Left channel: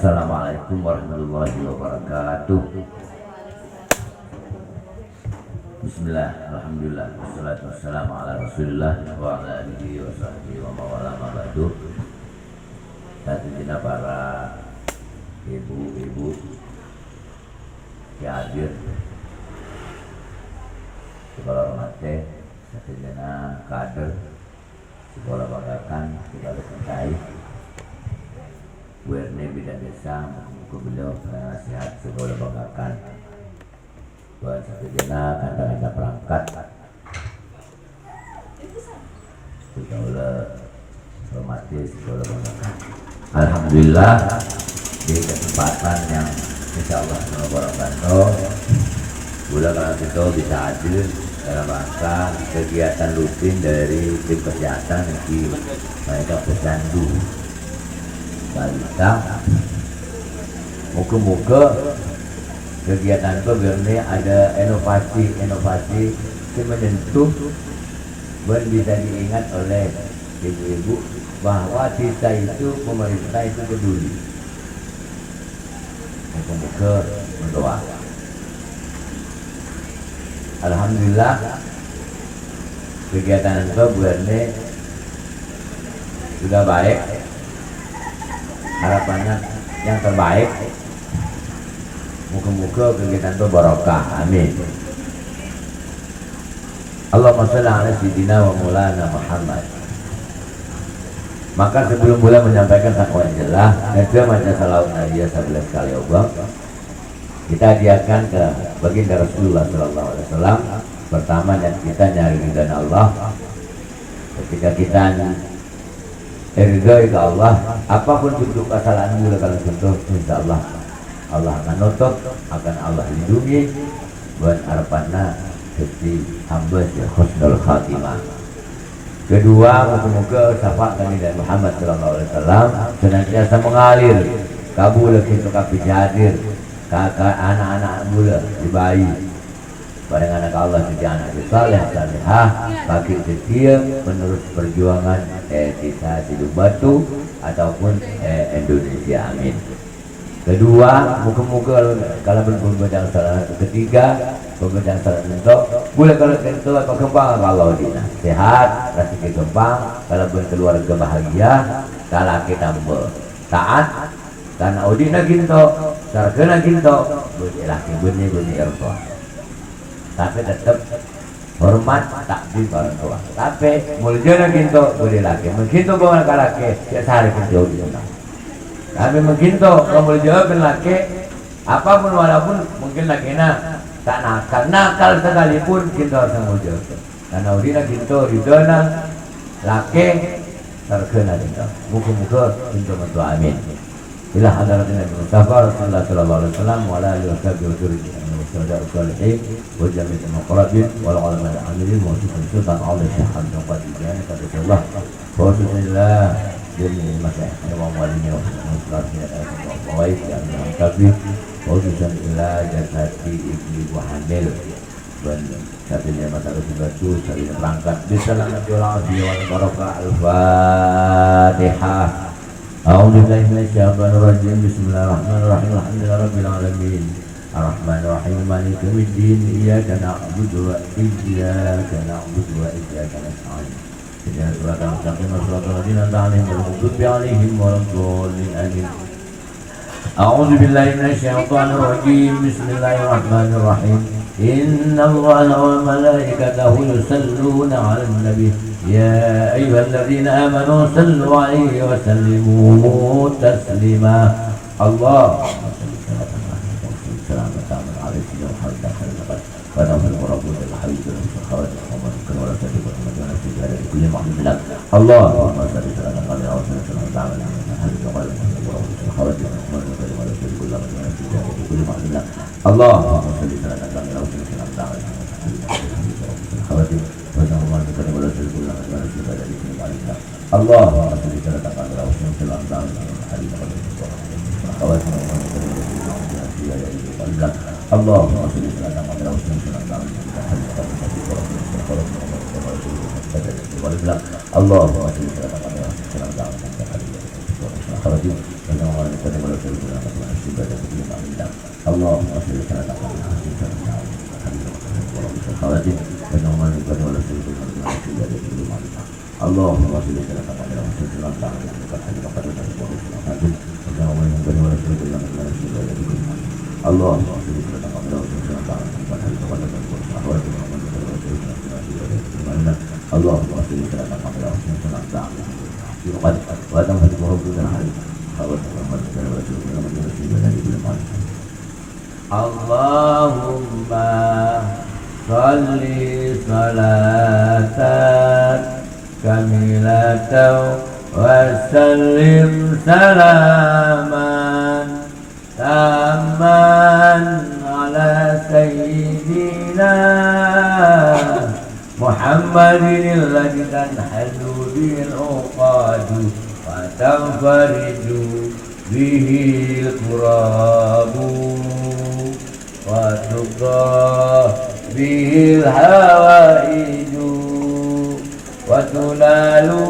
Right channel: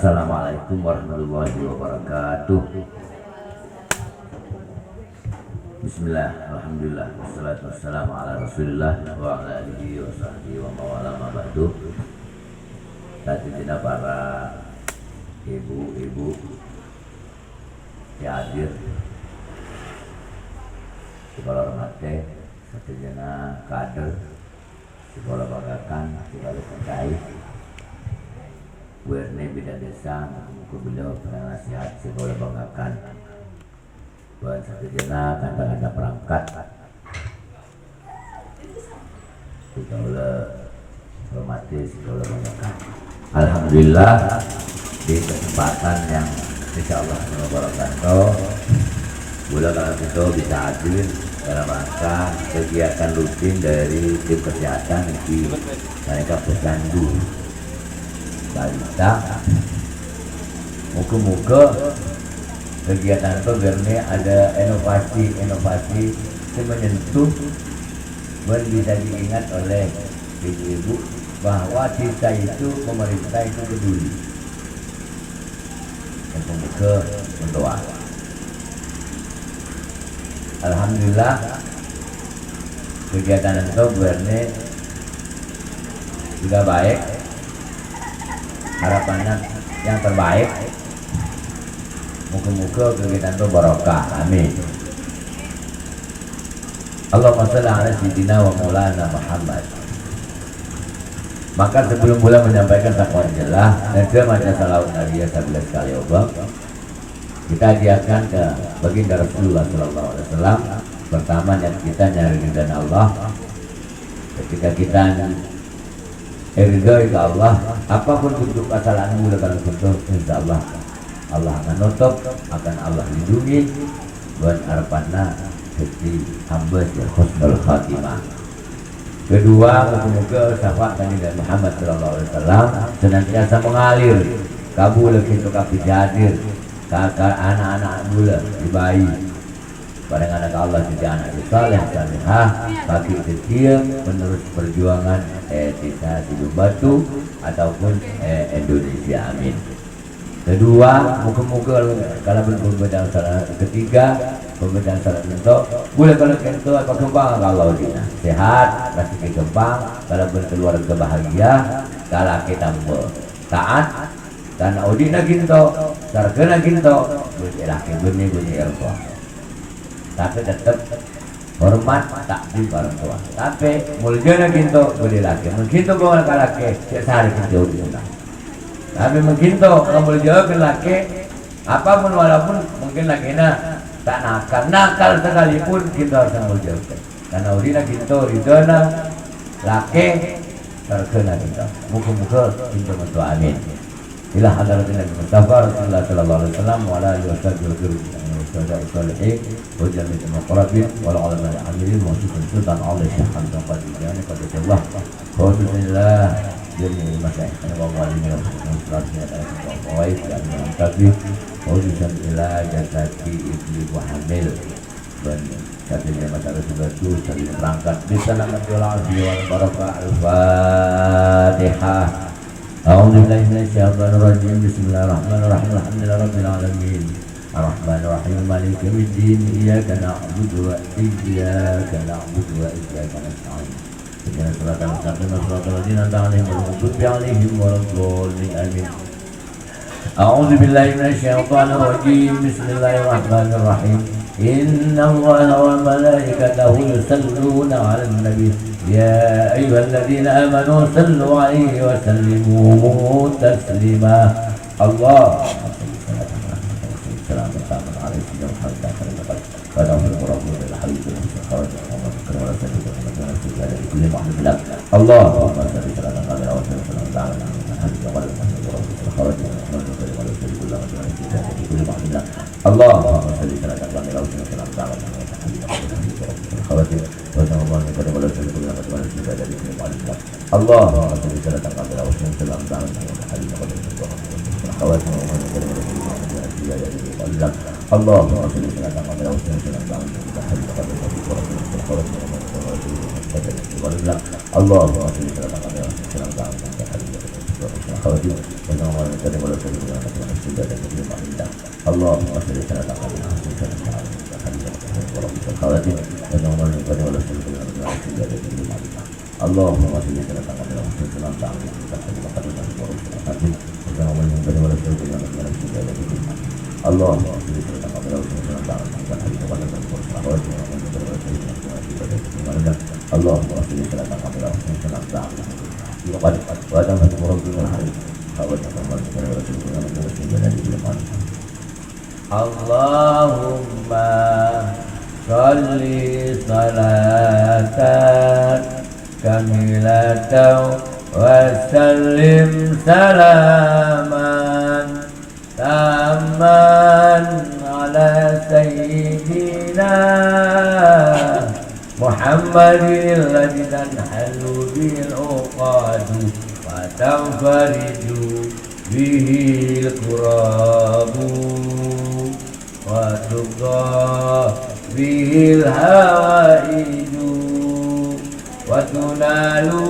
Assalamualaikum warahmatullahi wabarakatuh. Bismillah, alhamdulillah, wassalatu wassalamu ala rasulillah wa ala alihi wa sahbihi wa mawala ma'badu. Saat para ibu-ibu yang hadir sekolah hormatnya, saat kader sekolah bagakan, sekolah pentai Werne Bidang Desa, muka beliau penasihat sekolah banggakan buat satu jena kanda-kanda perangkat sekolah hormati sekolah banggakan. Alhamdulillah di kesempatan yang insya Allah wabarakatuh bulan kalau kita bisa hadir dalam rangka kegiatan rutin dari tim kesehatan di mereka pecandu balita. Muka-muka kegiatan itu biarnya ada inovasi yang menyentuh dan bisa diingat oleh ibu-ibu bahwa kita itu, pemerintah itu peduli. Muka-muka berdoa. Alhamdulillah kegiatan itu bulannya sudah baik. Harapannya yang terbaik, muka-muka kegiatan itu barokah, amin. Allahumma shalli ala sayyidina wa maulana Muhammad. Maka sebelum bulan menyampaikan takwa jelas dan ke maca salawat Nabi 11 kali obang, kita hadiahkan ke baginda Rasulullah sallallahu alaihi wasallam. Pertama yang kita nyari ridha Allah. Ketika kita ridha ke Allah, apapun bentuk kesalahanmu kalau bentuk, insya Allah Allah akan nutup, akan Allah lindungi buat harapannya jadi hamba ya husnul khatimah. Kedua, semoga syafaat kami dari Muhammad sallallahu alaihi wasallam senantiasa mengalir kabul untuk kami hadir kakak anak-anak mula di bayi pada anak Allah jadi anak saleh salehah bagi kecil menerus perjuangan desa Sidu Batu ataupun Indonesia, amin. Kedua, muka-muka kalau berperbedaan salah. Ketiga, perbedaan salah bentuk boleh kalau kentu apa kembang kalau dina sehat rezeki kembang, kalau berkeluarga bahagia, kalau kita taat dan audina ginto sargana ginto boleh laki bunyi erba, tapi tetap hormat takdim orang tua. Tapi muljana ginto boleh laki mengginto bawa kalake sehari jauh dina. Tapi mengginto kamu jawab laki apapun walaupun mungkin laki tak nakal sekalipun kita harus menjawab. Karena audina ginto ridona laki sargana ginto. Muka-muka ginto mentua, amin. Ila hadratin Mustafa Rasulullah sallallahu alaihi wasallam wa ala alihi wasallam الصالحين وجميع المقربين والعلماء العاملين وخصوصا سلطان علي الشيخ حمد القادري قدس الله وخصوصا الله جميع المشايخ والمعلمين والمواعيد المنتقين وخصوصا الى جسدي ابن وحمل dan satunya masalah sebatu sering berangkat bismillahirrahmanirrahim wal barakah al-fatihah. A'udzubillahi minasyaitonir rajim. Bismillahirrahmanirrahim. Alhamdulillahirabbil alamin. Ar-Rahman Ar-Rahim Maliki Yaumiddin. Iyyaka na'budu wa iyyaka nasta'in. Ihdinas siratal mustaqim siratal ladzina an'amta 'alaihim ghairil maghdubi 'alaihim waladdallin. Amin. A'udzu billahi minasyaitonir rajim. Bismillahirrahmanirrahim. Innallaha wa malaikatahu yusalluna 'alan nabi. Ya ayyuhalladzina amanu sallu 'alaihi wa sallimu taslima. Allah Allahumma salli ala Muhammad wa Allahumma salli ala Allahumma salli salatan kamilatan wa sallim salaman taman ala sayyidina Muhammadin alladhi tanhalu bil uqadu wa tanfariju bihi al-qurabu wa tuqa bihi al-hawaiju wa tunalu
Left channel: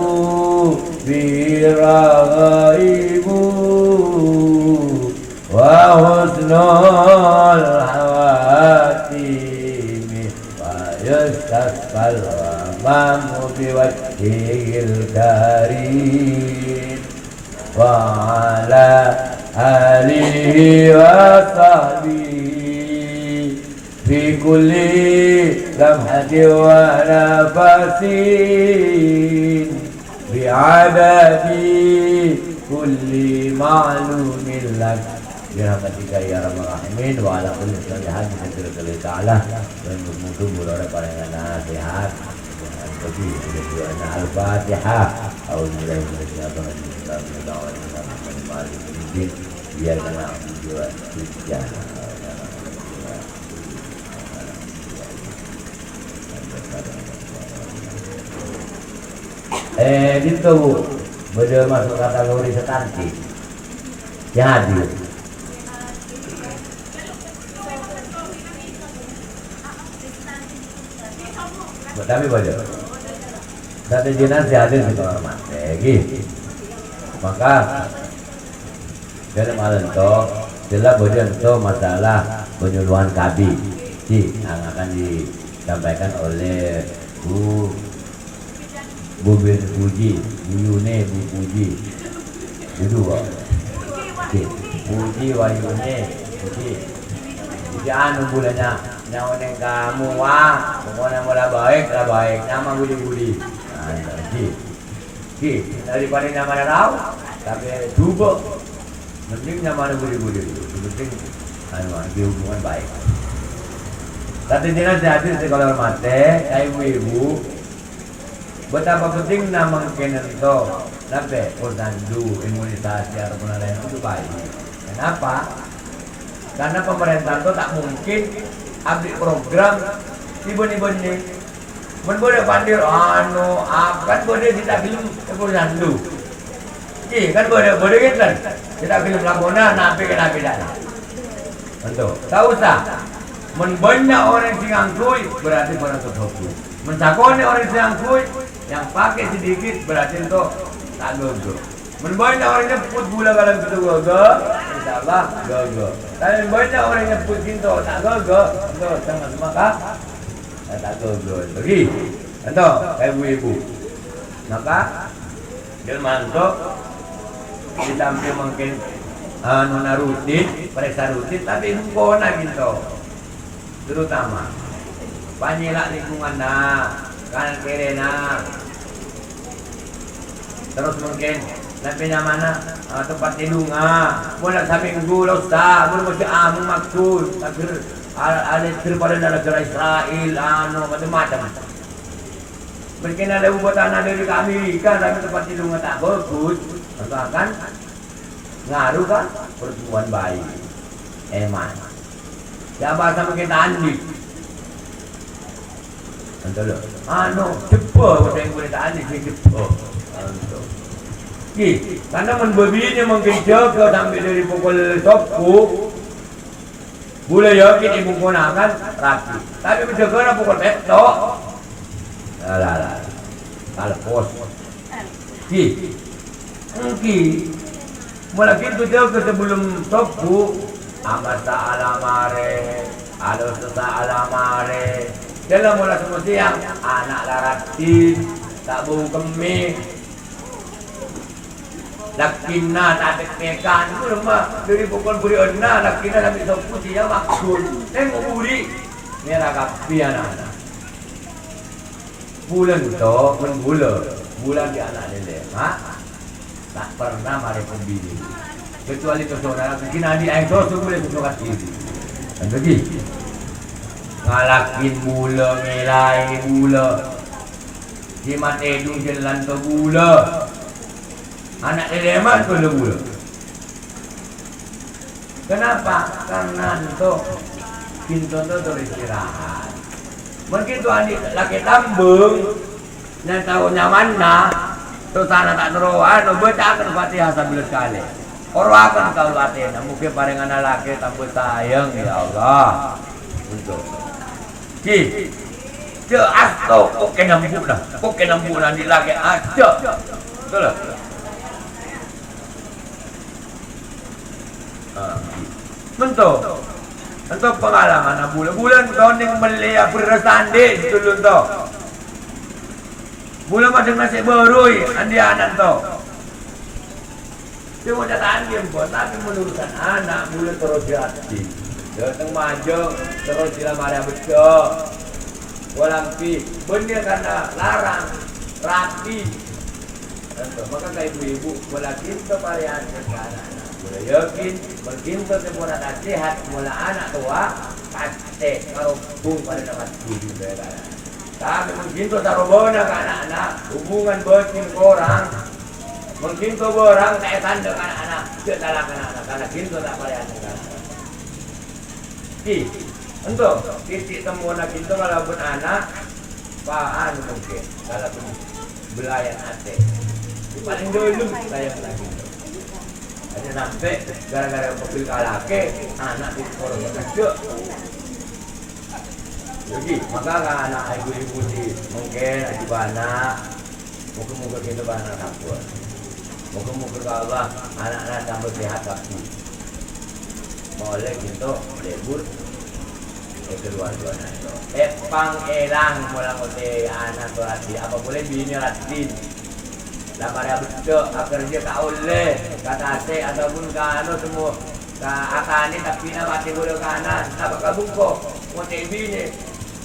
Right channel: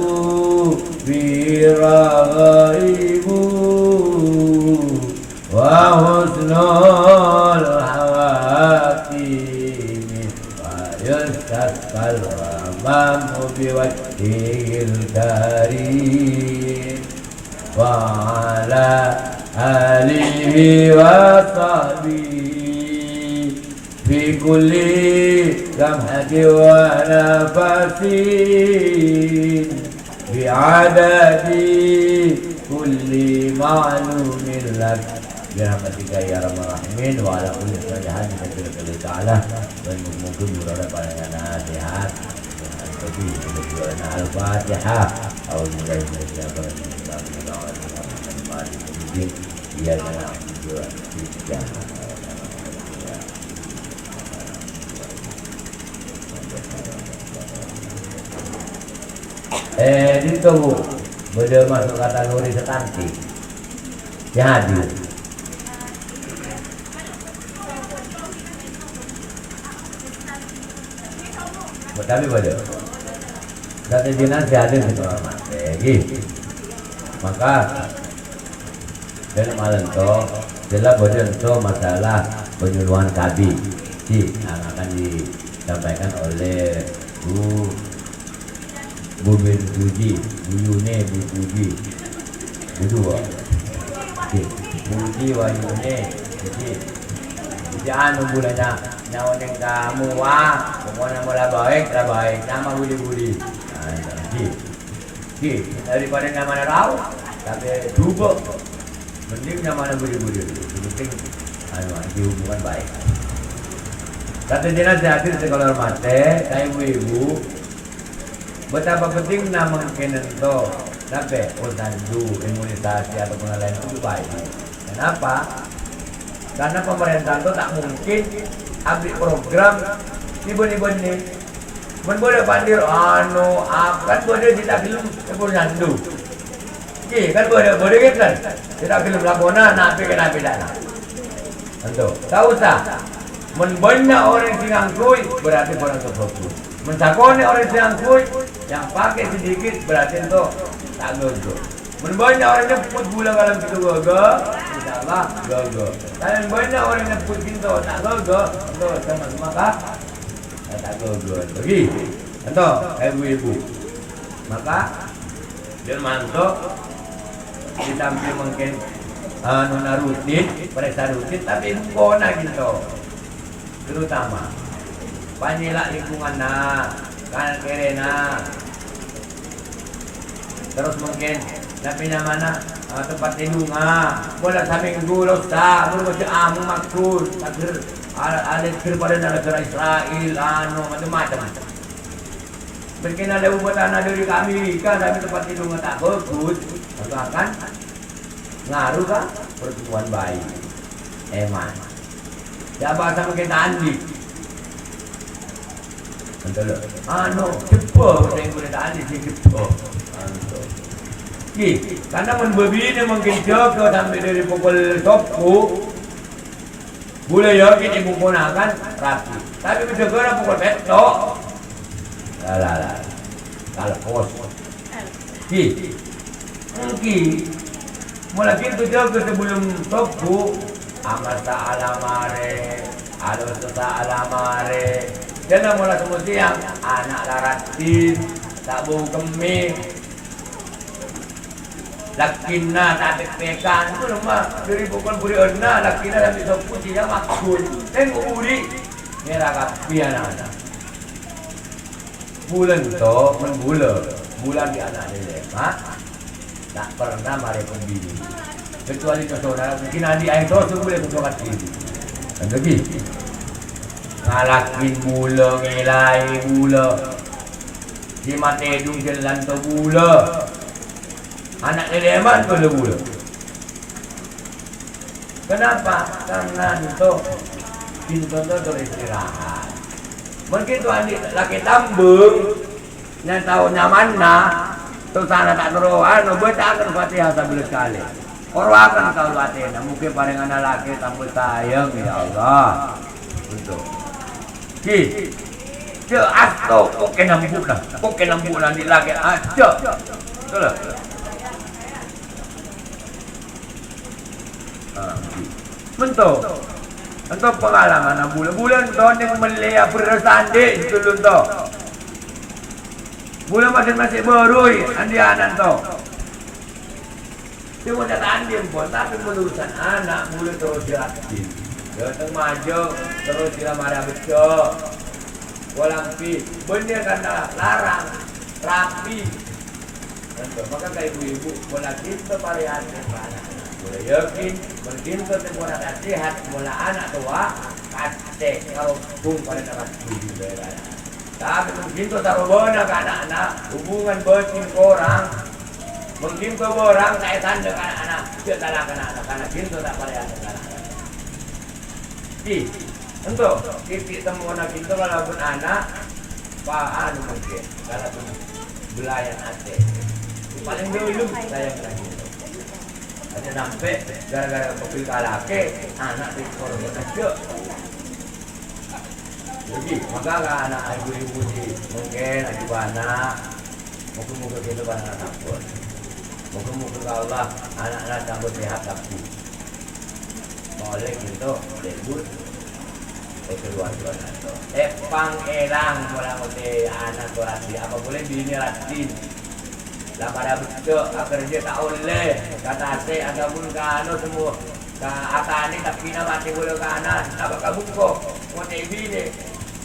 bihi raghaibu wa husnul hawatimi wa yastakal amamu biwajhil karim wa ala alihi wa sahbihi fi kulli lamhati wa nafasin bi'adadi kulli ma'lumin lak birahmatika ya arhamar rahimin wa ala kulli sholihan min ta'ala dan mungkin berada pada nasihat jadi berada al-fatihah Alhamdulillah dia menang juga tiga gitu bu beda masuk kategori sekanti jadi kami beda satu jenis dihadir di kamar mandi maka dalam hal itu jelas beda untuk masalah penyuluhan kabi yang akan disampaikan oleh Bu bin Puji, Bu Yune Bu Puji, berdua. Puji wa Yune, Puji. Jadi anu bulanya nyawa yang kamu wah, pokoknya mulai baik, nama budi. Nah, jadi, daripada nyaman tahu, tapi juga mending nyaman budi. Penting anu di hubungan baik. Satu jenis hadir di kolor mate, kayak ibu. Betapa pentingnya mungkin itu nabe organdu imunisasi ataupun lain itu baik. Kenapa? Karena pemerintah itu tak mungkin ambil program ibu-ibu ini. Boleh pandir kan boleh kita film organdu. Iya kan boleh kan kita film lakona nabi kena pidana. Tentu. Tahu tak? Banyak orang yang angkui berarti orang terfokus. Mencakoni orang yang angkui yang pakai sedikit berarti itu tak gogo. Banyak orang nyebut gula kalau itu gogo, insyaallah gogo. Tapi banyak orang nyebut itu tak gogo, itu sama kah? Tak gogo. Jadi, itu ibu-ibu. Maka dia mantuk ditampi mungkin nona rutin, periksa rutin, tapi kona gitu. Terutama panyilak lingkungan kan kere terus mungkin napinya mana tempat tidur boleh samping gulos boleh macam amu maksud ada pada negara Israel macam-macam mungkin ada ubatan dari Amerika tapi tempat tidur tak bagus akan ngaruh kan pertumbuhan bayi eman siapa sama kita andi Antara, cepat macam yang boleh tak ada dia cepat. Karena membebini mungkin jaga sampai dari pukul 10 boleh yakin ibu gunakan rapi. Tapi bisa kena pukul 7 kalau kos. Mungkin Mula gitu jauh sebelum sobu amasa alamare adosa alamare jalan mula semua siang anak laratin tak bau kemih lakina tak pekan itu rumah dari pukul buri onna lakina lagi sobu siang maksud tengok buri merah kapi anak-anak bulan to bulan di anak ini tak pernah mari pembini kecuali ke saudara mungkin adi air dosa boleh bersokat diri dan lagi ngalakin mula ngelai mula di mata hidung jalan tu mula anak leman tu mula kenapa? Karena itu pintu tu teristirahat mungkin tu adi laki tambung yang tahu nyaman tu sana tak teruan baca akan Fatihah sambil sekali orang akan tahu latihan mungkin paringan laki tambah sayang ya Allah untuk ki dia asto kok kenambu lah di laki aja betul lah bentuk pengalaman bulan tahun yang melihat bersanding dulu tu bulan masing-masing baru andi anak tu dia mau cataan dia pun tapi menurutkan anak bulan terus dilatih datang maju terus dilamar betul walampi benar karena larang rapi tentu maka kayak ibu-ibu bola cinta varian anak boleh yakin bercinta sebuah anak sehat bola anak tua kasih kalau pun pada dapat tujuh berada tapi bercinta taruh bola ke anak-anak hubungan bercin orang bercinta orang kayak tanda ke anak-anak dia salah ke anak karena cinta tak varian anak untuk titik temuan cinta kalau pun anak paan mungkin kalau pun belayan hati paling dulu sayang lagi hanya sampai gara-gara mobil kalake anak di sekolah kecil jadi maka anak ibu-ibu di mungkin di mana muka-muka kita banyak takut muka-muka Allah anak-anak tambah sehat tapi boleh gitu lebut keluar pang elang mula uti anak tu lagi apa boleh bini ratin lah pada betul agar dia tak oleh kata ase ataupun kano semua ka atani tapi na mati guru kanan tak kabung ko uti bini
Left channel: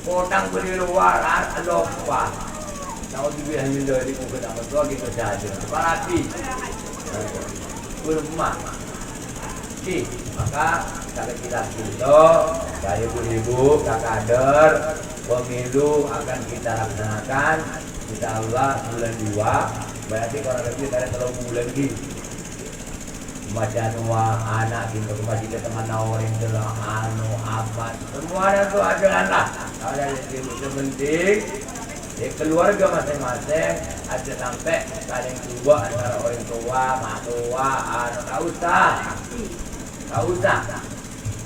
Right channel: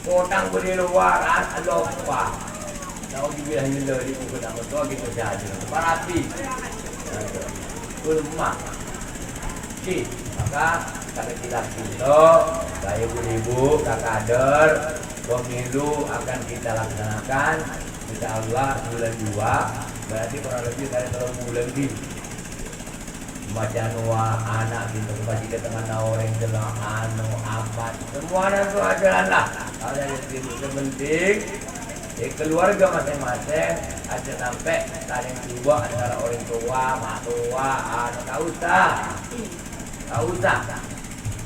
potang beri luar alopa nak dibilang minda di muka nak betul gitu saja parati rumah maka kalau kita itu dari ibu kader pemilu akan kita laksanakan insya Allah bulan 2 berarti kurang lebih dari 3 bulan di bacaan anak gitu masih ke tengah orang jelang anu apa semua itu adalah lah ada yang penting keluarga masing-masing ada sampai saling dua antara orang tua mak tua anu tak usah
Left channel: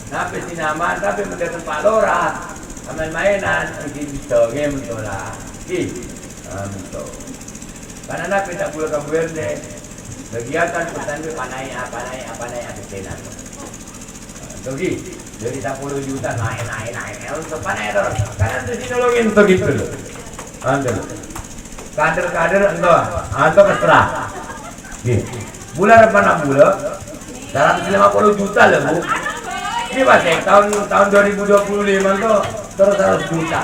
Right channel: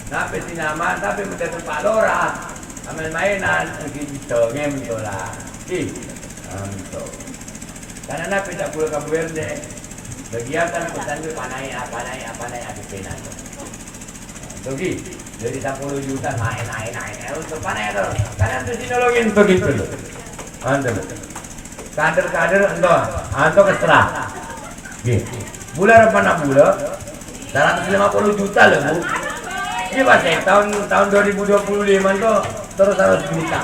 tapi sinama tapi mendapat Pak Lora main-mainan pergi game tu lah betul karena nabi tak boleh kabur ni kegiatan pesan tu panai apa pena tu jadi dari 10 juta naik untuk panai tu karena tu teknologi untuk gitu anda kader enggak atau keserah bulan apa nak bulan 150 juta lah bu ini masih tahun 2025 tu terus 100 juta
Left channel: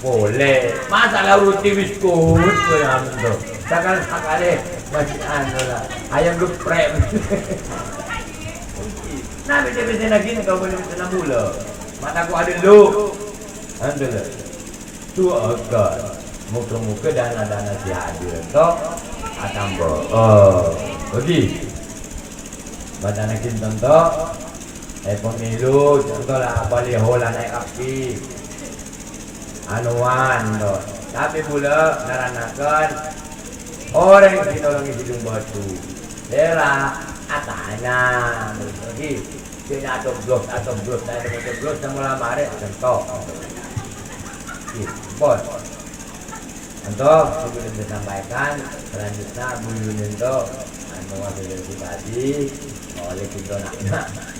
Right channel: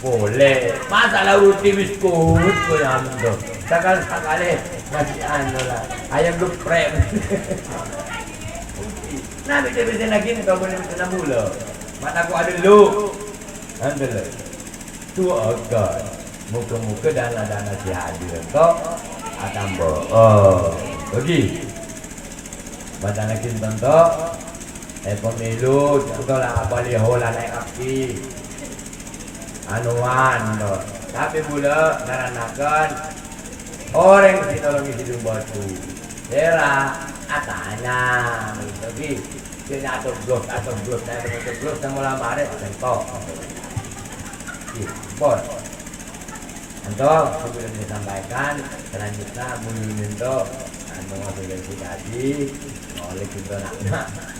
boleh masalah roti biskut tu yang tu sekali masih anu lah ayam geprek nah bisa lagi ni kau boleh bisa mula mata aku ada lu anda lah tu agak muka-muka dana sihat dia tu atambah pergi baca nakin tentu pemilu contoh lah baliho lah naik api anuan tu tapi pula naranakan orang yang ditolongi hidung batu era atanya jadi kena atau blok semula maret tentu bos untuk sebelum disampaikan selanjutnya mulai itu mengambil dari tadi oleh kita nak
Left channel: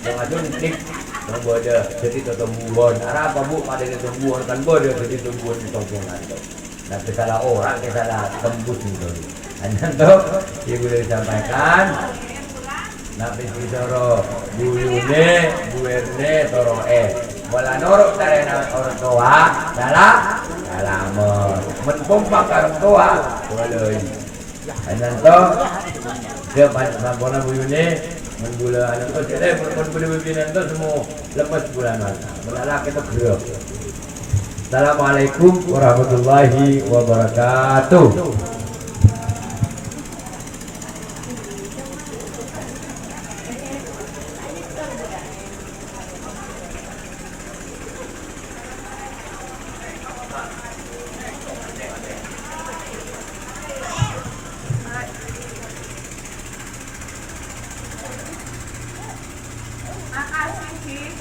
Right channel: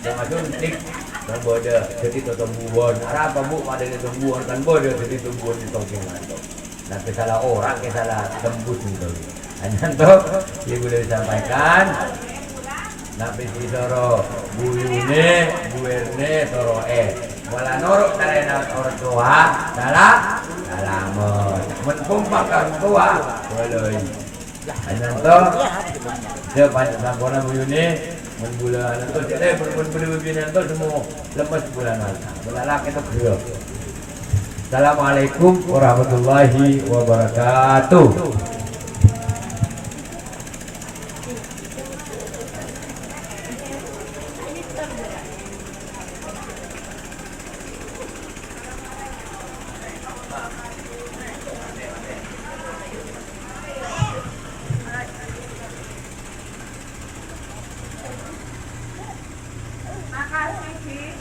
yang ada nik yang bodoh jadi ketumbuhan apa bu pada ketumbuhan kan bodoh jadi tumbuhan di tongkongan tu nanti salah orang salah tembus itu hanya tu yang boleh disampaikan nanti ditoro Bu Yune Bu Erne toro wala norok dari orang tua salah menpompakan tua boleh hanya tu dia banyak Bu Yune bulan itu jadi berbeda itu semua lepas bulan masa malah kita gerak. Assalamualaikum warahmatullahi wabarakatuh.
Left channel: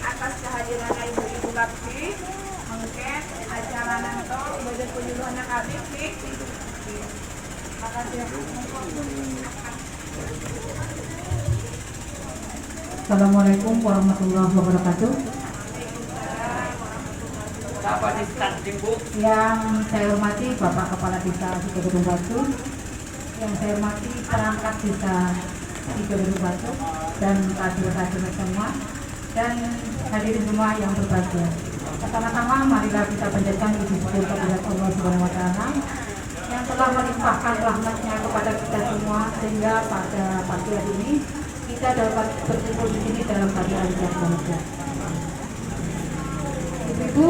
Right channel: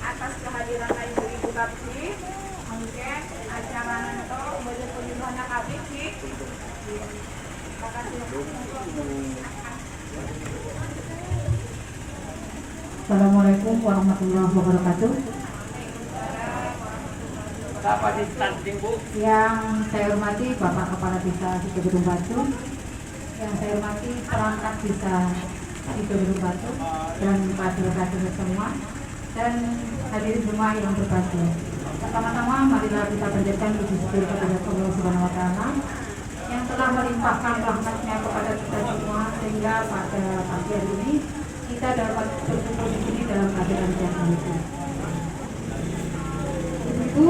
Atas kehadiran ibu-ibu bakti mungkin acara nanti bagi kunjungannya kami terima kasih. Assalamualaikum warahmatullahi wabarakatuh. Yang saya hormati Bapak Kepala Desa Sidoarjo Batu, yang saya hormati perangkat Desa Sidoarjo Batu dan kader-kader semua, dan hadirin semua yang berbahagia. Pertama-tama marilah kita panjatkan puji syukur kepada Allah Subhanahu wa taala yang telah melimpahkan rahmat-Nya kepada kita semua sehingga pada pagi hari ini kita dapat berkumpul di sini dalam keadaan yang bahagia. Ibu,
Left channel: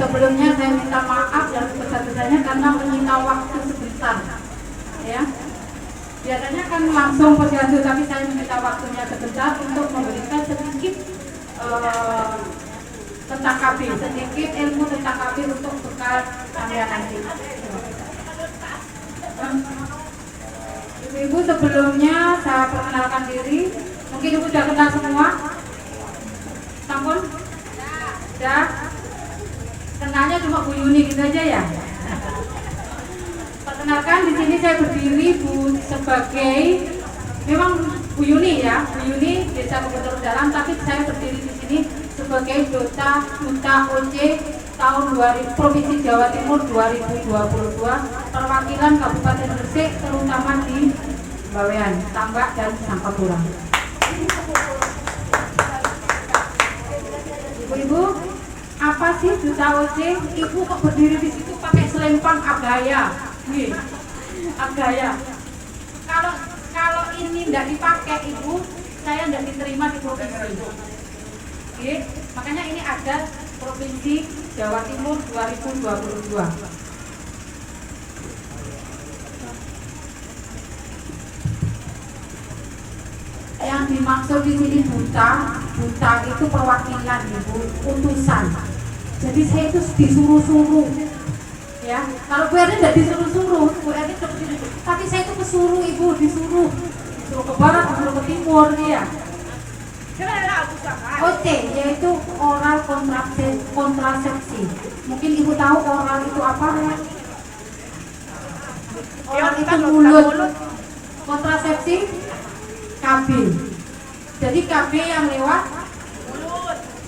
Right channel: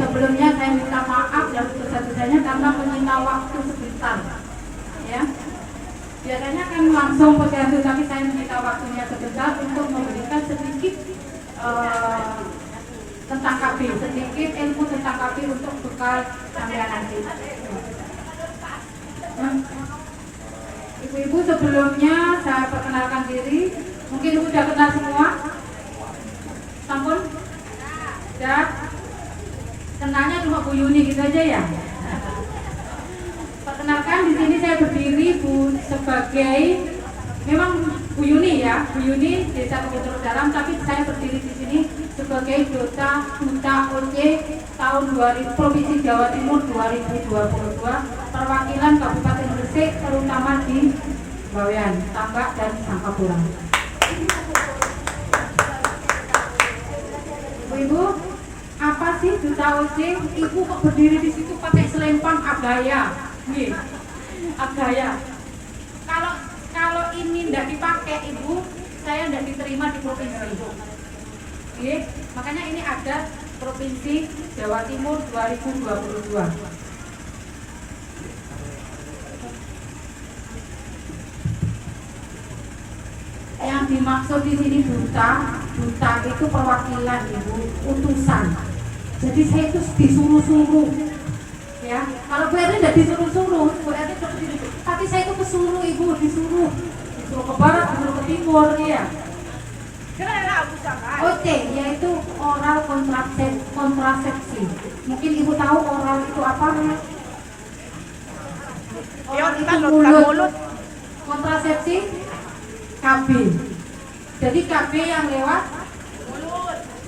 sebelumnya saya minta maaf dan sebesar-besarnya karena menyita waktu sebentar. Ya. Biasanya kan langsung posyandu, tapi saya minta waktunya sebentar untuk memberikan sedikit tentang KB, sedikit ilmu tentang KB untuk bekal sampean nanti. Ibu-ibu, sebelumnya saya perkenalkan diri. Mungkin ibu sudah kenal semua. Sampun? Sudah? Kenalnya cuma Bu Yuni gitu aja ya. Perkenalkan, di sini saya berdiri sebagai memang Bu Yuni ya, Bu Yuni Desa Kebetulan Dalam, tapi saya berdiri di sini sebagai Duta OC tahun 2000 Provinsi Jawa Timur 2022 perwakilan Kabupaten Gresik terutama di Bawean, Tambak dan Sangkapura. Ibu, apa sih Duta OC? Ibu kok berdiri di situ pakai selempang abaya? Nih, abaya. Kalau ini tidak dipakai ibu, saya tidak diterima di provinsi. Oke, makanya ini ada Provinsi Jawa Timur 2022. Yang dimaksud di sini duta itu perwakilan ibu, utusan. Jadi saya itu disuruh-suruh. Ya, kalau Bu Erni tidak disuruh-suruh, Bu Erni tapi saya itu disuruh ibu, disuruh ke barat, disuruh ke timur ya. OC yaitu oral kontrasepsi. Mungkin ibu tahu oral itu apa ya? Oral itu mulut. Kontrasepsi KB. Jadi KB yang lewat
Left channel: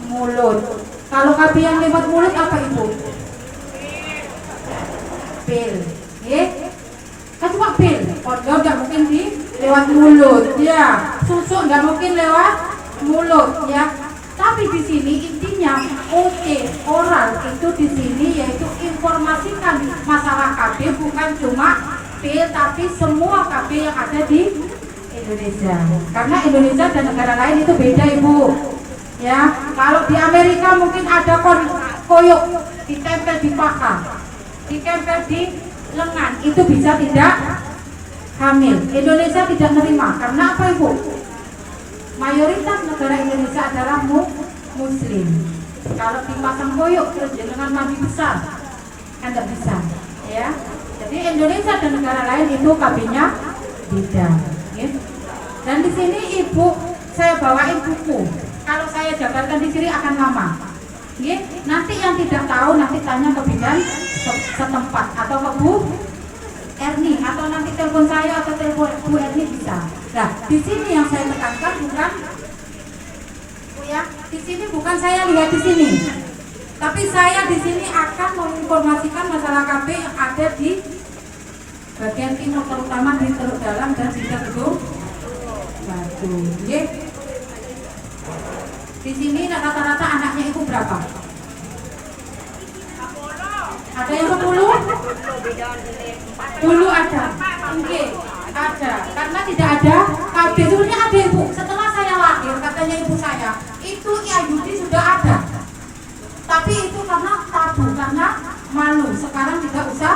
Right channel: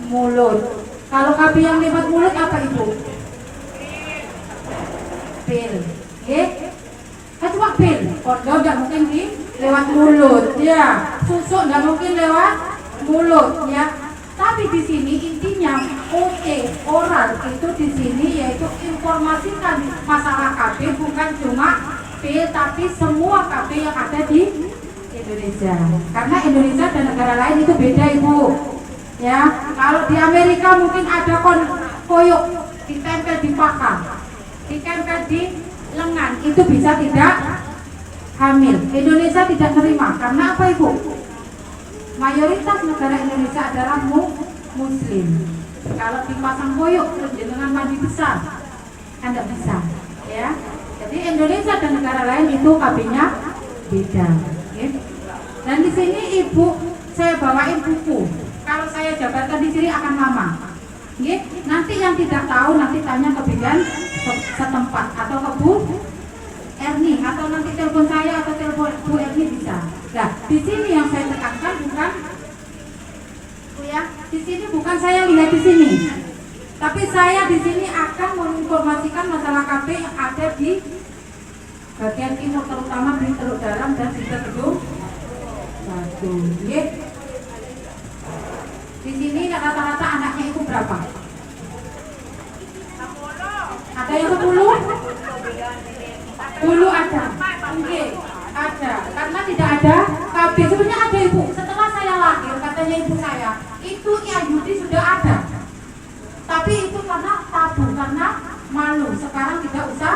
mulut. Kalau KB yang lewat mulut apa ibu? Pil. Kan cuma pil. Kondom nggak mungkin lewat mulut. Ya, susu nggak mungkin lewat mulut ya. Tapi di sini intinya OC oral itu di sini yaitu informasikan masalah KB bukan cuma pil tapi semua KB yang ada di Indonesia. Karena Indonesia dan negara lain itu beda ibu. Ya, kalau di Amerika mungkin ada koyok ditempel di paha, ditempel di lengan, itu bisa tidak hamil. Indonesia tidak menerima karena apa ibu? Mayoritas negara Indonesia adalah Muslim. Kalau dipasang koyok dengan mandi besar, kan tidak bisa. Ya, jadi Indonesia dan negara lain itu KB-nya beda. Ya. Dan di sini ibu saya bawain buku. Kalau saya jabarkan di sini akan lama. Ya. Nanti yang tidak tahu nanti tanya ke bidan setempat atau ke Bu Erni atau nanti telepon saya atau telepon Bu Erni bisa. Nah, di sini yang saya tekankan bukan ya, di sini bukan saya lihat di sini, tapi saya di sini akan menginformasikan masalah KB yang ada di bagian timur, terutama di Teluk Dalam dan Sidak Gedung Batu. Di sini rata-rata anaknya itu berapa? Ada yang 10? Dulu ada. Oke, ada. Karena tidak ada KB, sebenarnya ada ibu. Setelah saya lahir, katanya ibu saya, itu IAYUD sudah ada. Tapi itu karena tabu, karena malu. Sekarang tidak usah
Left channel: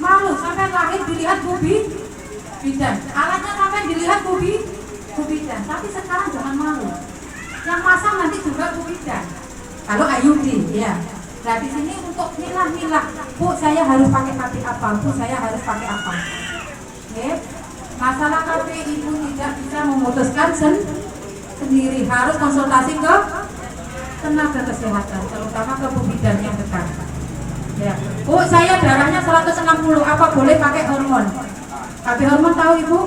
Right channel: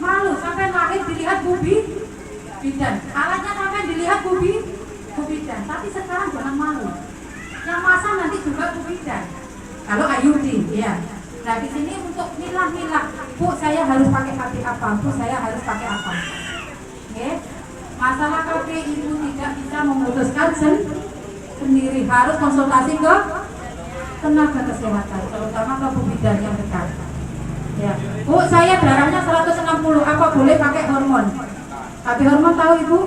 malu. Sampai lahir dilihat bidan. Alatnya sampai dilihat bidan. Tapi sekarang jangan malu. Yang masang nanti juga bidan. Kalau IAYUD, ya. Nah di sini untuk milah-milah, Bu saya harus pakai KB apa, Bu saya harus pakai apa. Oke. Masalah KB ibu tidak bisa memutuskan sendiri, harus konsultasi ke tenaga kesehatan, terutama ke bidan yang dekat. Ya. Bu saya darahnya 160, apa boleh pakai hormon? KB hormon tahu ibu?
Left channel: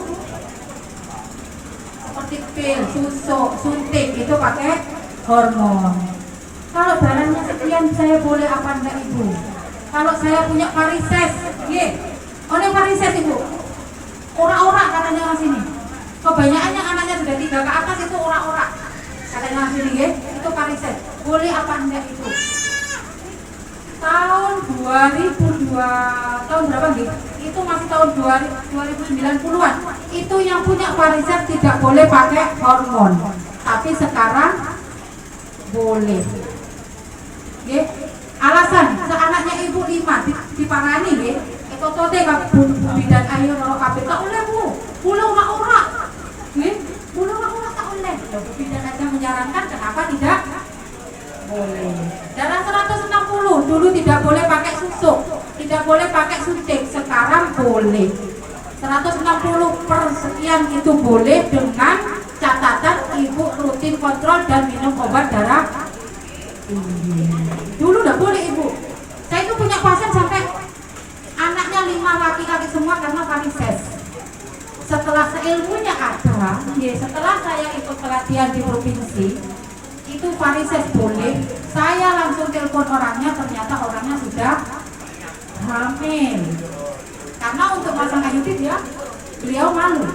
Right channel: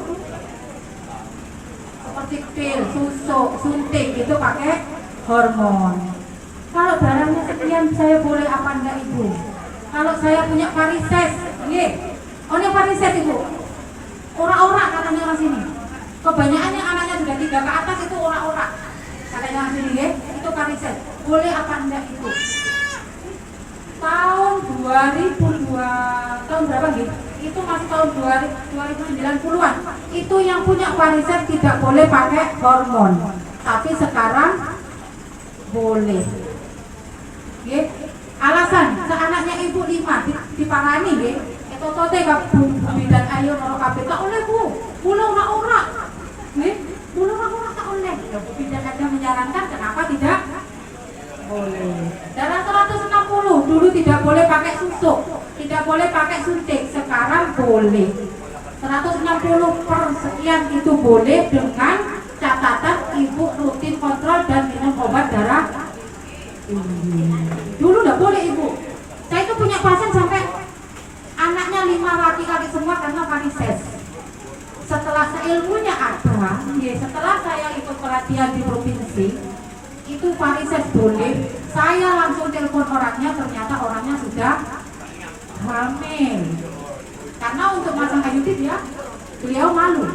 Seperti pil, susu, suntik itu pakai hormon. Kalau darahnya sekian saya boleh apa enggak ibu? Kalau saya punya varises, oleh varises ibu, ora-ora katanya orang sini. Kebanyakan yang anaknya sudah 3 ke atas itu ora-ora, katanya orang sini, itu varises. Boleh apa enggak itu? Tahun 2002, tahun berapa gitu? Itu masih tahun 2090-an. Itu yang punya varises tidak boleh pakai hormon. Tapi sekarang boleh. Alasan seanaknya ibu 5 diparani nggih. Itu tote bidan ayo loro kabeh tak oleh Bu. Pulau ora. Nggih, pulau ora tak oleh. Bidan aja menyarankan kenapa tidak boleh. Darah 160 dulu tidak boleh pakai susu, tidak boleh pakai suntik, sekarang boleh. 160 per sekian itu boleh dengan catatan ibu rutin kontrol dan minum obat darah. Dulu enggak boleh ibu. Saya itu punya pasien sampai anaknya 5 laki-laki semua karena varises. Setelah ilmunya ada, setelah saya ikut pelatihan di provinsi, itu varises boleh. Saya langsung telepon orangnya, ternyata orangnya sudah hamil. Karena untuk masang IUD ya, beliau malu.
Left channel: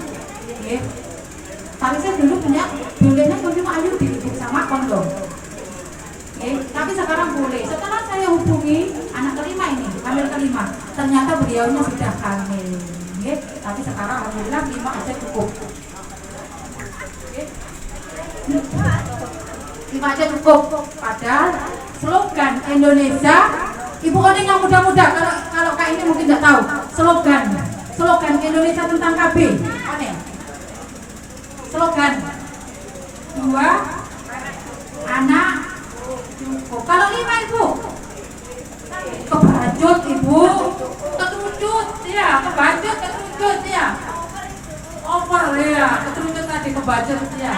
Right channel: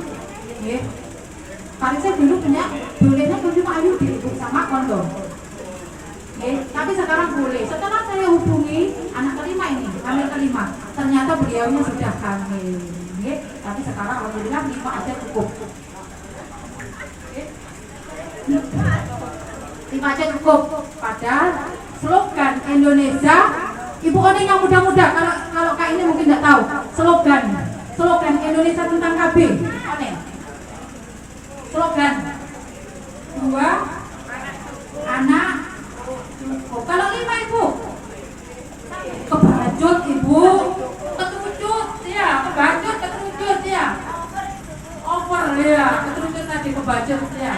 Varises dulu punya, bolehnya cuma IUD sama kondom. Tapi sekarang boleh. Setelah saya hubungi anak kelima ini, hamil kelima, ternyata beliaunya sudah hamil. Tapi sekarang alhamdulillah 5 aja cukup. 5 aja cukup. Padahal slogan Indonesia, Ibu Oning yang muda-muda, kalau Kak ini mungkin tidak tahu slogan Indonesia tentang KB. Oning. Slogan 2 anak. Kalau 5 ibu kebacut ibu, keterucut ya, kebacut keterucut ya, over ya, keterucut tadi kebacut ya.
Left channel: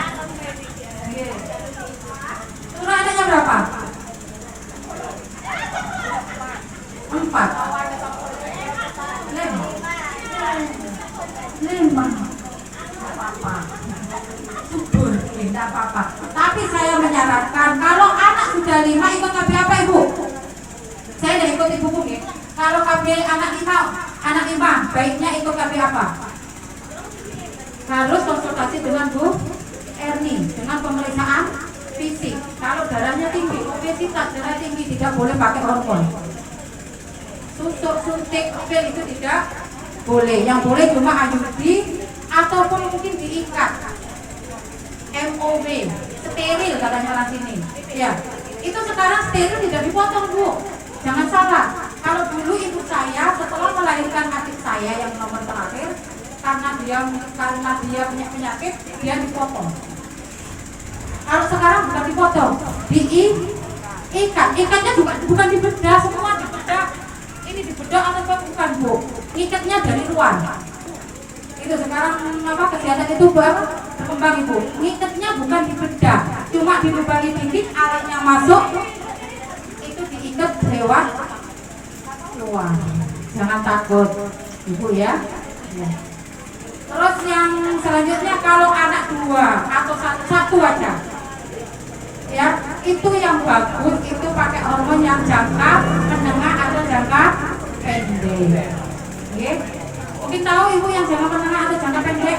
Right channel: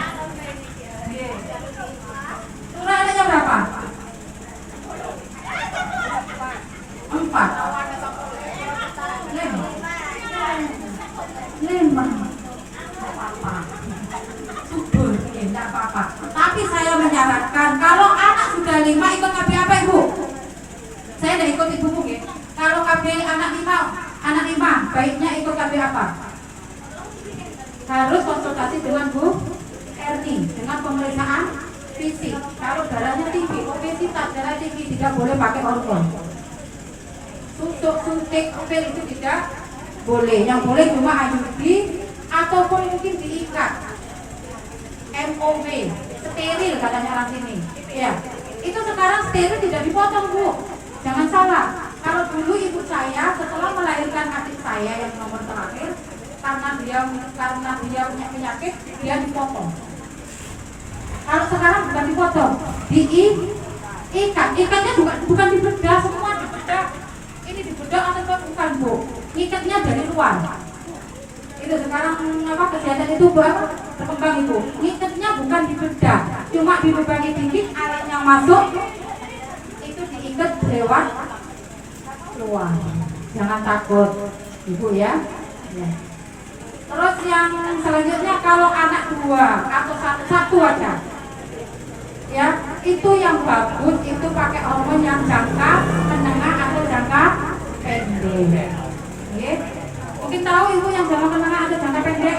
Curah adanya berapa? 4. 5. Subur, tidak apa-apa. Tapi saya menyarankan kalau anak sudah 5 ikut KB apa ibu? Saya tidak ikut ibuku ya. Kalau KB anak 5 baiknya ikut KB apa? Harus konsultasi dengan Bu Erni dengan pemeriksaan fisik. Kalau darahnya tinggi, obesitas, darah tinggi, tidak boleh pakai hormon. Susuk, suntik, pil itu tidak boleh. Yang boleh cuma IUD ataupun mungkin diikat. MOV, steril katanya orang sini. Ya, itu sekarang steril tidak dipotong Bu. Jangan salah. Kalau dulu ibu saya setelah melahirkan adik saya yang nomor terakhir, karena dia punya penyakit, dia dipotong. Kalau sekarang bukan dipotong, diikat. Ikatnya bukan dibedah, semua dibedah. Ini dibedah atau bukan Bu? Ikatnya dari luar. Itu sekarang kesehatan itu berkembang ibu. Ngikatnya bukan dibedah, cuma dilubangi dikit, alatnya masuk, itu diikat lewat luar. Jangan takut ibu ya. Terus yang selanjutnya kalau anak dua atau satu aja, ya itu yang bagus itu pakai hormon yang jangka menengah atau jangka pendek. Oke, mungkin tahu ibu yang jangka menengah atau jangka pendek?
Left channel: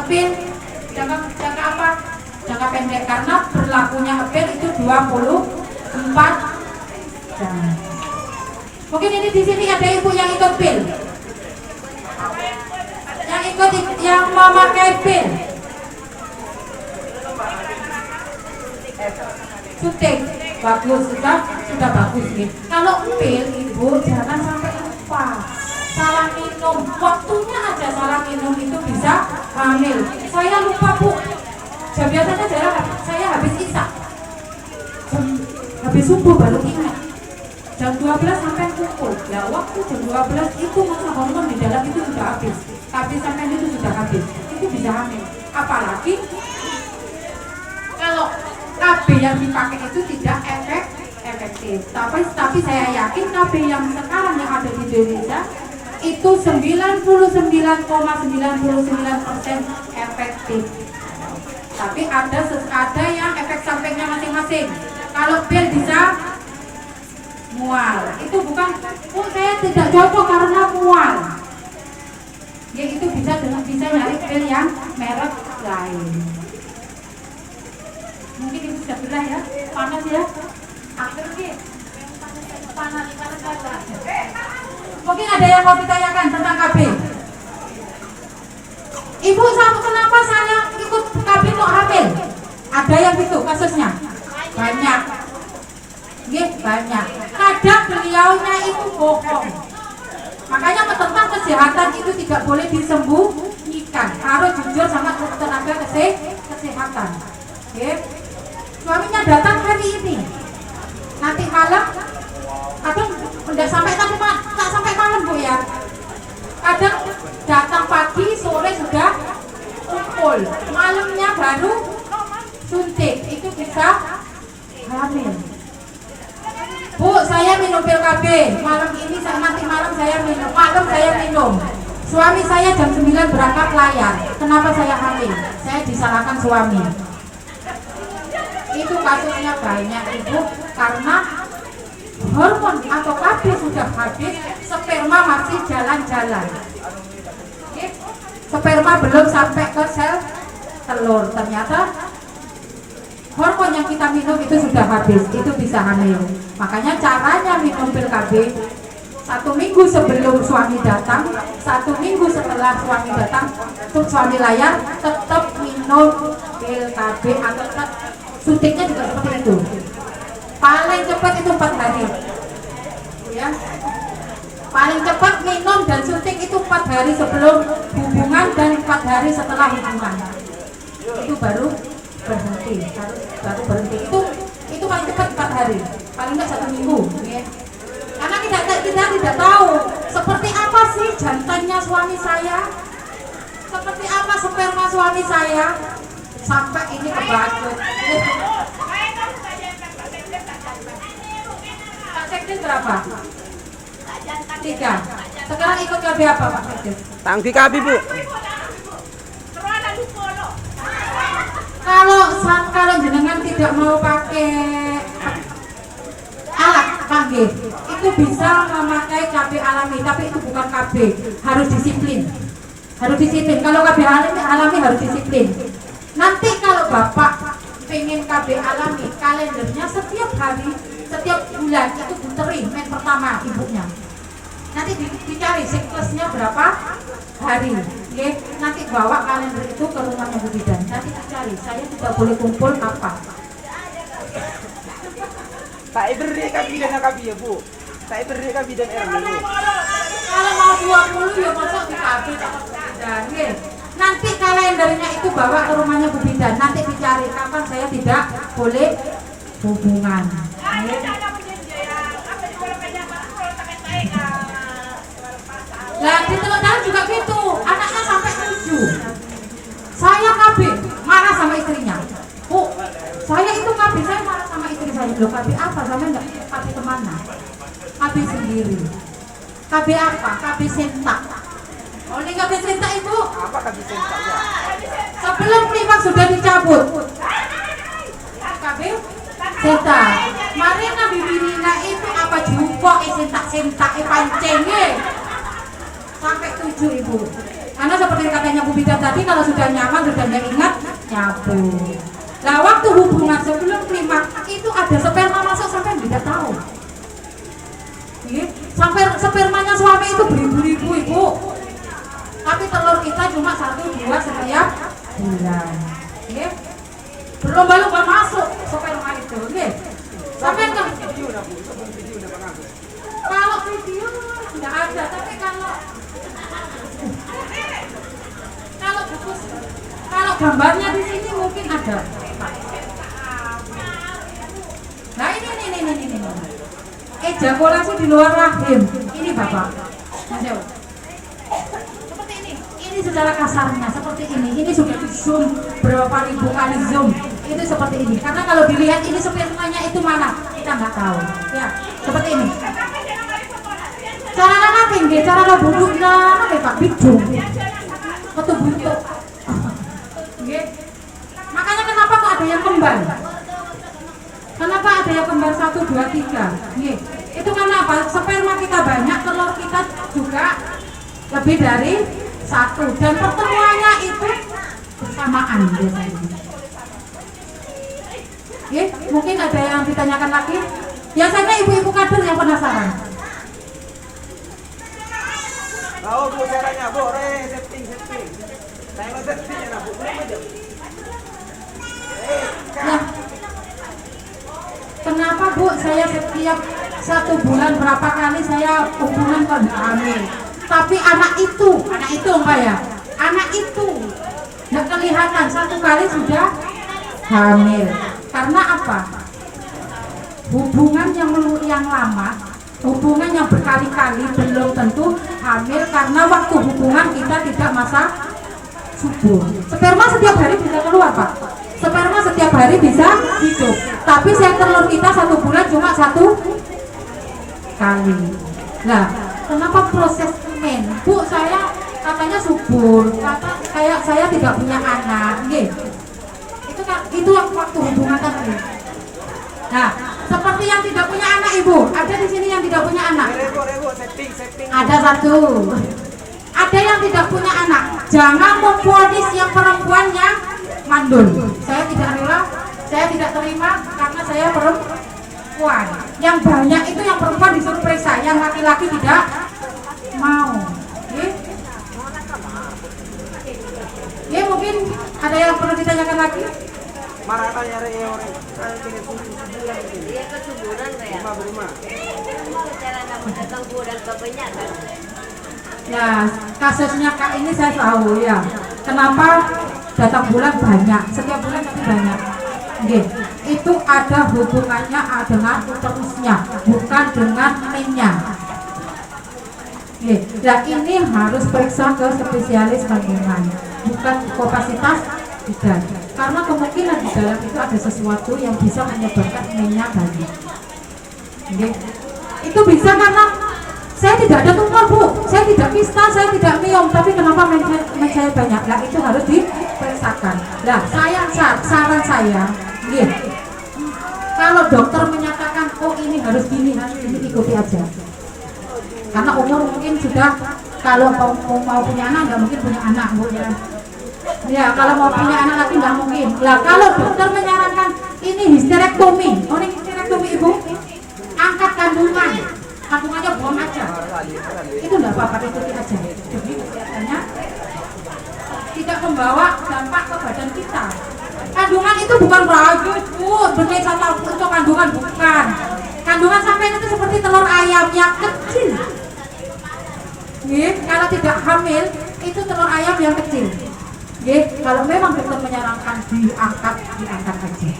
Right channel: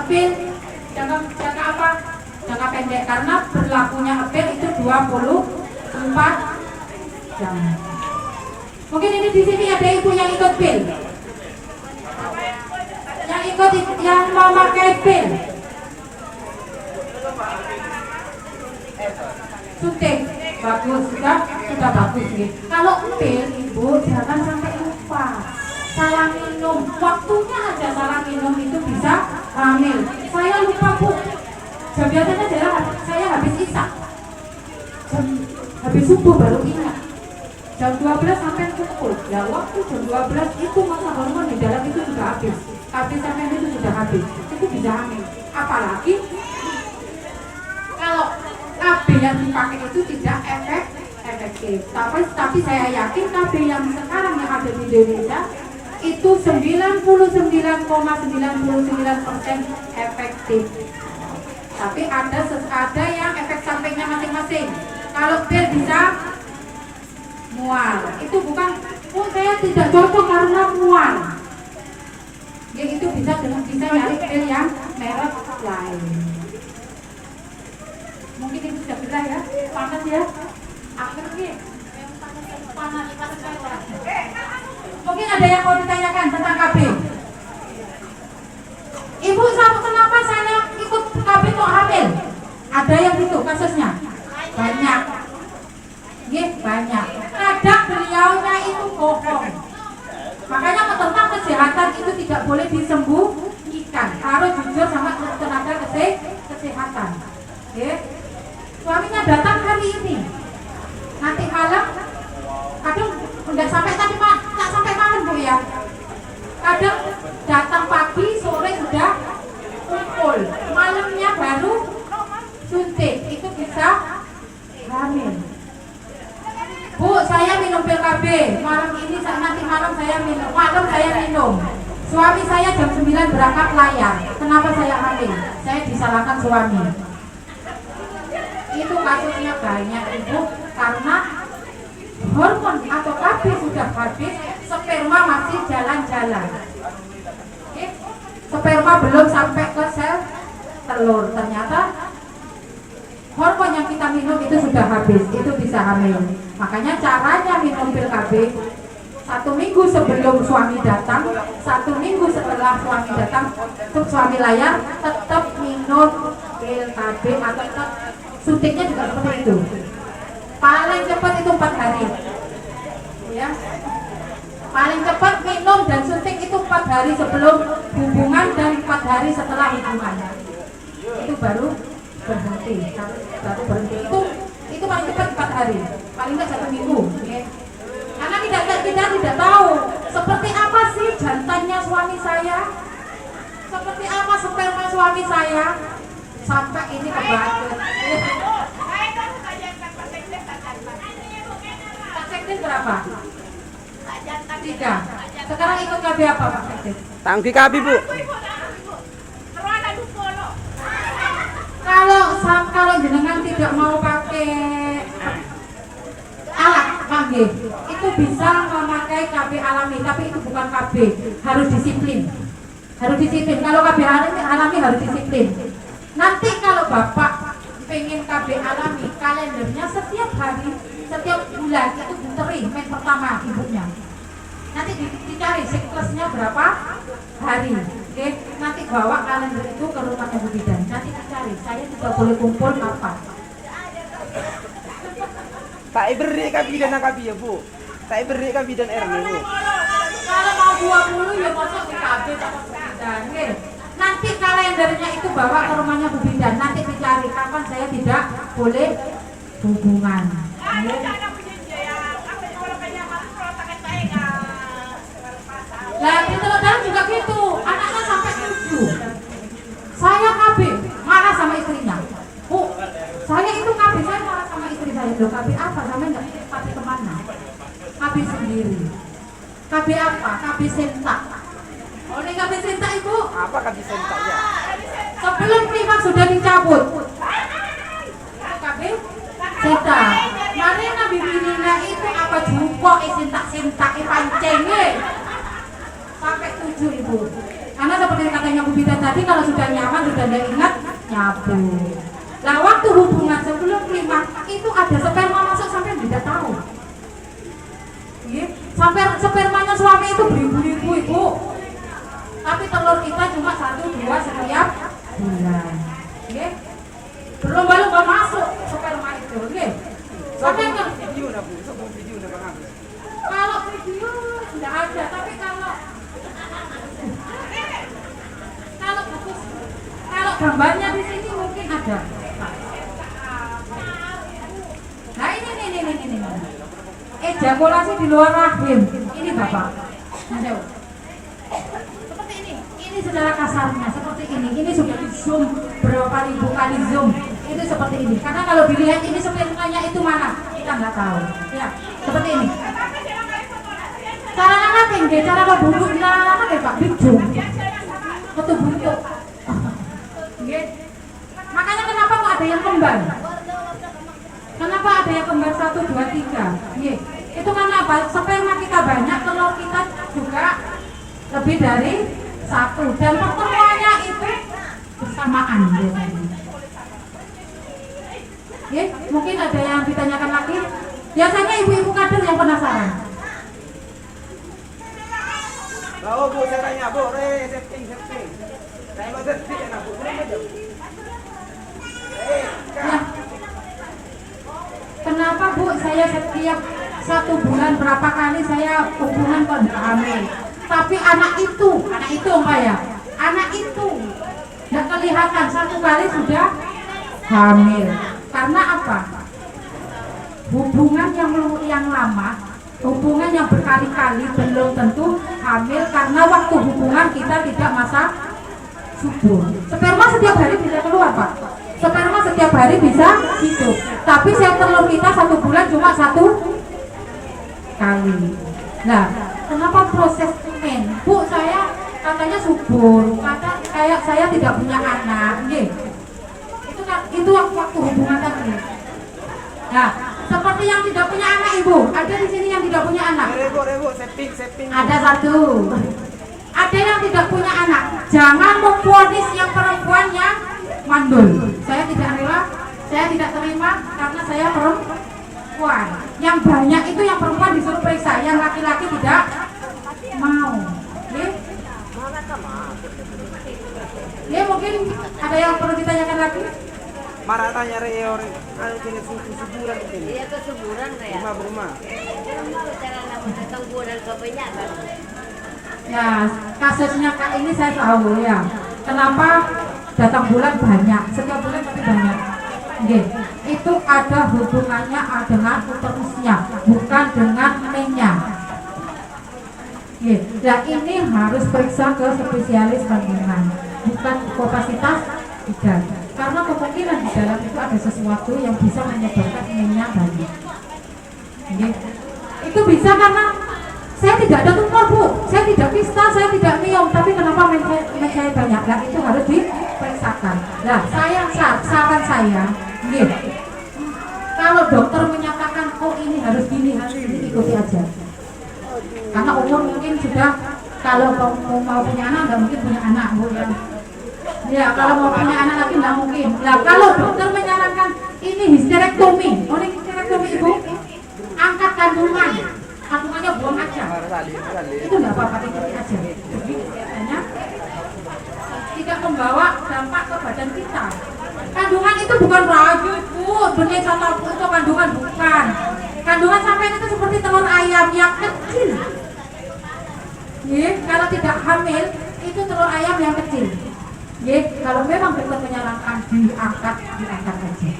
Apil jangka apa? Jangka pendek karena berlakunya apil itu 24 jam. Mungkin ini di sini ada ibu yang ikut pil. Yang ikut yang memakai pil. Suntik bagus sudah bagus nih. Kalau pil ibu jangan sampai lupa. Salah minum, waktunya aja salah minum itu bisa hamil. Saya lupa bu. Jam biasanya saya habis isya. Habis subuh baru ingat. Jam 12 sampai kumpul. Ya waktu jam 12 itu masa hormon di dalam itu sudah habis. Habis sampai itu sudah habis. Itu bisa hamil. Apalagi kalau KB yang dipakai itu tidak efektif. Tapi saya yakin KB yang sekarang yang ada di Indonesia itu 99,99% efektif. Tapi ada yang efek sampingnya masing-masing. Kalau pil bisa mual, itu bukan saya tidak cocok karena mual. Ya itu bisa nyari pil yang merek lain. Mungkin ibu sudah gerah ya, panas ya. Akhir sih, panas. Mungkin ada yang mau ditanyakan tentang KB. Ibu, kenapa saya ikut KB untuk hamil? Ada yang itu kasusnya? Banyak. Banyak. Kadang beliaunya itu bohong. Makanya tentang kesehatan itu tidak boleh disembunyikan. Harus jujur sama tenaga kesehatan. Suaminya datang hari ini. Nanti malam, kadang enggak sampai tadi Pak, tak sampai malam Bu ya. Kadang datang pagi, sore sudah kumpul. Malamnya baru suntik. Itu bisa hamil. Bu, saya minum pil KB. Nanti malam saya minum. Suami saya jam 9 berangkat layar. Kenapa saya hamil? Saya disalahkan suami. Itu kasusnya banyak ibu karena hormon atau KB sudah habis, sperma masih jalan-jalan. Sperma belum sampai ke sel telur. Ternyata hormon yang kita minum itu sudah habis, itu bisa hamil. Makanya caranya minum pil KB 1 minggu sebelum suami datang, 1 minggu setelah suami datang, suami layar tetap minum pil KB atau tetap suntiknya juga seperti itu. Paling cepat itu 4 hari. Ya. Paling cepat minum dan suntik itu 4 hari sebelum hubungan dan 4 hari setelah hubungan. Itu baru berhenti. Baru berhenti. Itu paling cepat 4 hari. Paling enggak 1 minggu. Ya. Karena kita tidak tahu seperti apa sih jantannya suami saya, seperti apa sperma suami saya. Sampai ini kebakut. Pak Sekdes berapa? 3. Sekarang ikut KB apa Pak Sekdes? Tangki KB Bu. Kalau jenengan tidak mau pakai alat kanggih, itu bisa memakai KB alami, tapi itu bukan KB, harus disiplin. Kalau KB alami harus disiplin. Nanti kalau Bapak pengen KB alami, kalendernya setiap hari, setiap bulan itu buteri main pertama ibunya. Nanti dicari siklusnya berapa hari. Oke, nanti bawa kalender itu ke rumahnya Bu Bidan. Nanti dicari, saya tidak boleh kumpul kapan. Tak beri kabidan ya Bu. Tak beri kabidan ini. Kalau mau 20 ya masuk ke KB Bu Bidan. Nanti kalendernya itu bawa ke rumahnya Bu Bidan. Nanti dicari kapan saya tidak boleh hubungan. Lah di Telodan juga gitu. Anaknya sampai 7. Saya KB marah sama istrinya. Bu, saya itu KB, saya marah sama istri saya. Loh KB apa? Saya enggak KB kemana? KB sendiri. KB apa? KB sentak. Meninggal placenta itu Apa kan bisa ya? sebelum klimaks sudah dicabut. Kabel senta. Mari Nabi Birina itu apa juga sentak-sentak pancengnya sampai 7 ibu. Karena seperti katanya Bu Bidan tadi, kalau sudah nyaman, sudah nggak ingat, nyabut. Nah waktu hubungan sebelum klimaks itu ada sperma masuk sampai tidak tahu. Sampai spermanya suami itu beribu-ribu ibu. Tapi telur kita cuma 1-2 setiap bulan. Berlomba-lomba masuk sperma itu. Sampai kan Video dah Bu, sebelum video dah Bang Agus. kalau video tidak ada, tapi kalau gambarnya di sini mungkin ada. Nah ini. Ejakulasi di luar rahim. Ini Bapak. Seperti ini. Ini secara kasarnya seperti ini. Ini sudah di zoom berapa ribu kali zoom. Itu seperti ini. Karena kalau dilihat ini spermanya itu mana, kita nggak tahu. Ya, seperti ini. Cara anak tinggi, cara lo buduk lah, Pak Bidung. Atau buduk. Makanya kenapa kok ada yang kembar? Kenapa ada yang kembar 1, 2, 3? Itu karena apa? Sperma kita banyak, telur kita juga lebih dari 1. Dan pertemuannya itu bersamaan biasanya. Mungkin ada yang ditanyakan lagi. Biasanya ibu-ibu kader yang penasaran. Tahu Bu caranya Bu, setting. Saya mau setting ya Bu, belum aja. Nah, kenapa Bu saya setiap 1 bulan berapa kali saya hubungan kalau hamil? Tapi anak itu enggak ya? Anak itu nggak kelihatan, 1 kali sudah hamil. Karena apa? Hubungan yang lama, hubungan yang berkali-kali belum tentu hamil, karena waktu hubungan kita tidak masa subur. Sperma setiap hari bisa keluar Pak. Sperma setiap hari bisa hidup. Tapi sel telur kita 1 bulan cuma 1 kali. Nah, kenapa proses men? Bu, saya katanya subur, saya tidak punya anak. Itu waktu hubungan tadi. Nah, seperti yang tidak punya anak ibu, ada di sini yang tidak punya anak. Ibu, setting. Ada 1. Ada yang tidak punya anak. Jangan memvonis yang perempuan yang mandul. Saya tidak rela, saya tidak terima karena saya perempuan. Yang banyak itu yang perempuan disuruh periksa, yang laki-laki tidak mau. Mungkin ada yang perlu ditanyakan lagi? Marah tanya orang kayak gini sebulan ini. Iya kesuburan kayak. Rumah. Kesuburan kepenya. Nah, kasusnya Kak ini saya tahu ya. Kenapa datang bulan banyak, setiap bulan tapi banyak. Itu ada hubungannya dengan uterusnya, bukan dengan mennya. Dan ini harus periksa ke spesialis kandungan, bukan kapasitas bidan. Karena kemungkinan di dalam itu ada sesuatu yang bisa menyebabkan mennya banyak. Itu bisa karena saya tidak ada tumor Bu, saya tidak kista, saya tidak miom, tapi kenapa men saya banyak? Nah itu harus diperiksakan. Nah saran saya, kalau dokter menyatakan oh ini harus gini, ikuti aja. Karena umur mungkin sudah, kalau mau punya anak nggak mungkin punya anak Bu ya. Ya kalau mau punya anak lagi nggak mungkin. Nah kalau dokter menyarankan ini histerektomi, ini histerektomi Ibu, angkat kandungan. Kandungannya buang aja, itu enggak apa-apa, ikuti aja. Jadi kesehatannya tidak membawa dampak ke badan kita. Kandungan itu bukan bagus Bu, benih satu untuk kandungan bukan. Kandungan sampai itu seperti telur ayam yang kecil. Kalau tidak hamil itu telur ayam yang kecil. Kalau memang dokter menyarankan diangkat aja.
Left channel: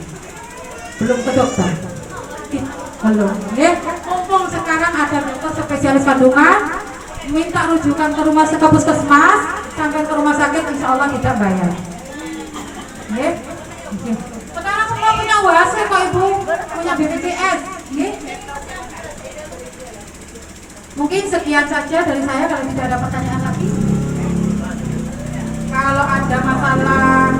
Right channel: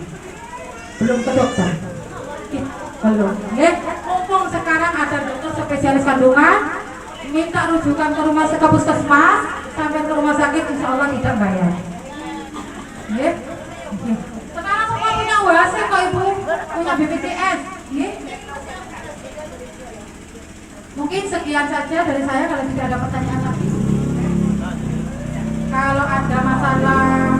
Belum ke dokter. Belum. Mumpung sekarang ada dokter spesialis kandungan, minta rujukan ke rumah sakit puskesmas sampai ke rumah sakit, insya Allah tidak bayar. Sekarang semua punya WhatsApp kok Ibu, punya BPJS. Mungkin sekian saja dari saya, kalau tidak ada pertanyaan lagi. kalau ada masalah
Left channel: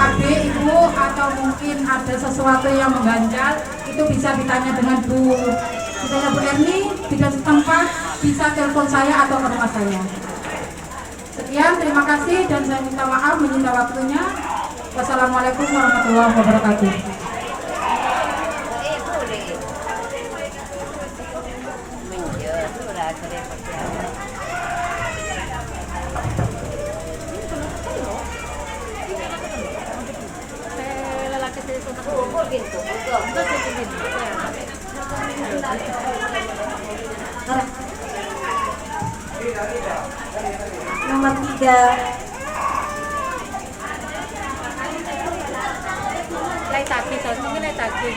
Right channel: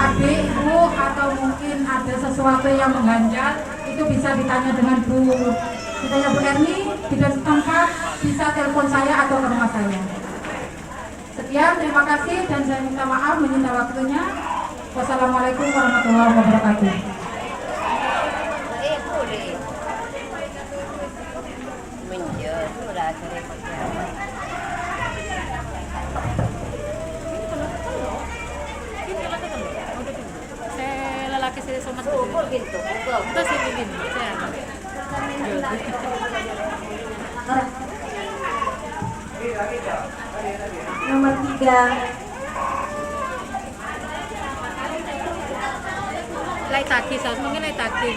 KB Ibu atau mungkin ada sesuatu yang mengganjal, itu bisa ditanya dengan Bu Erni di tempat, bisa telepon saya atau ke rumah saya. Sekian, terima kasih dan saya minta maaf menyita waktunya. Wassalamualaikum warahmatullahi wabarakatuh. Nomor 3. Lai takut, mungkin lai takut.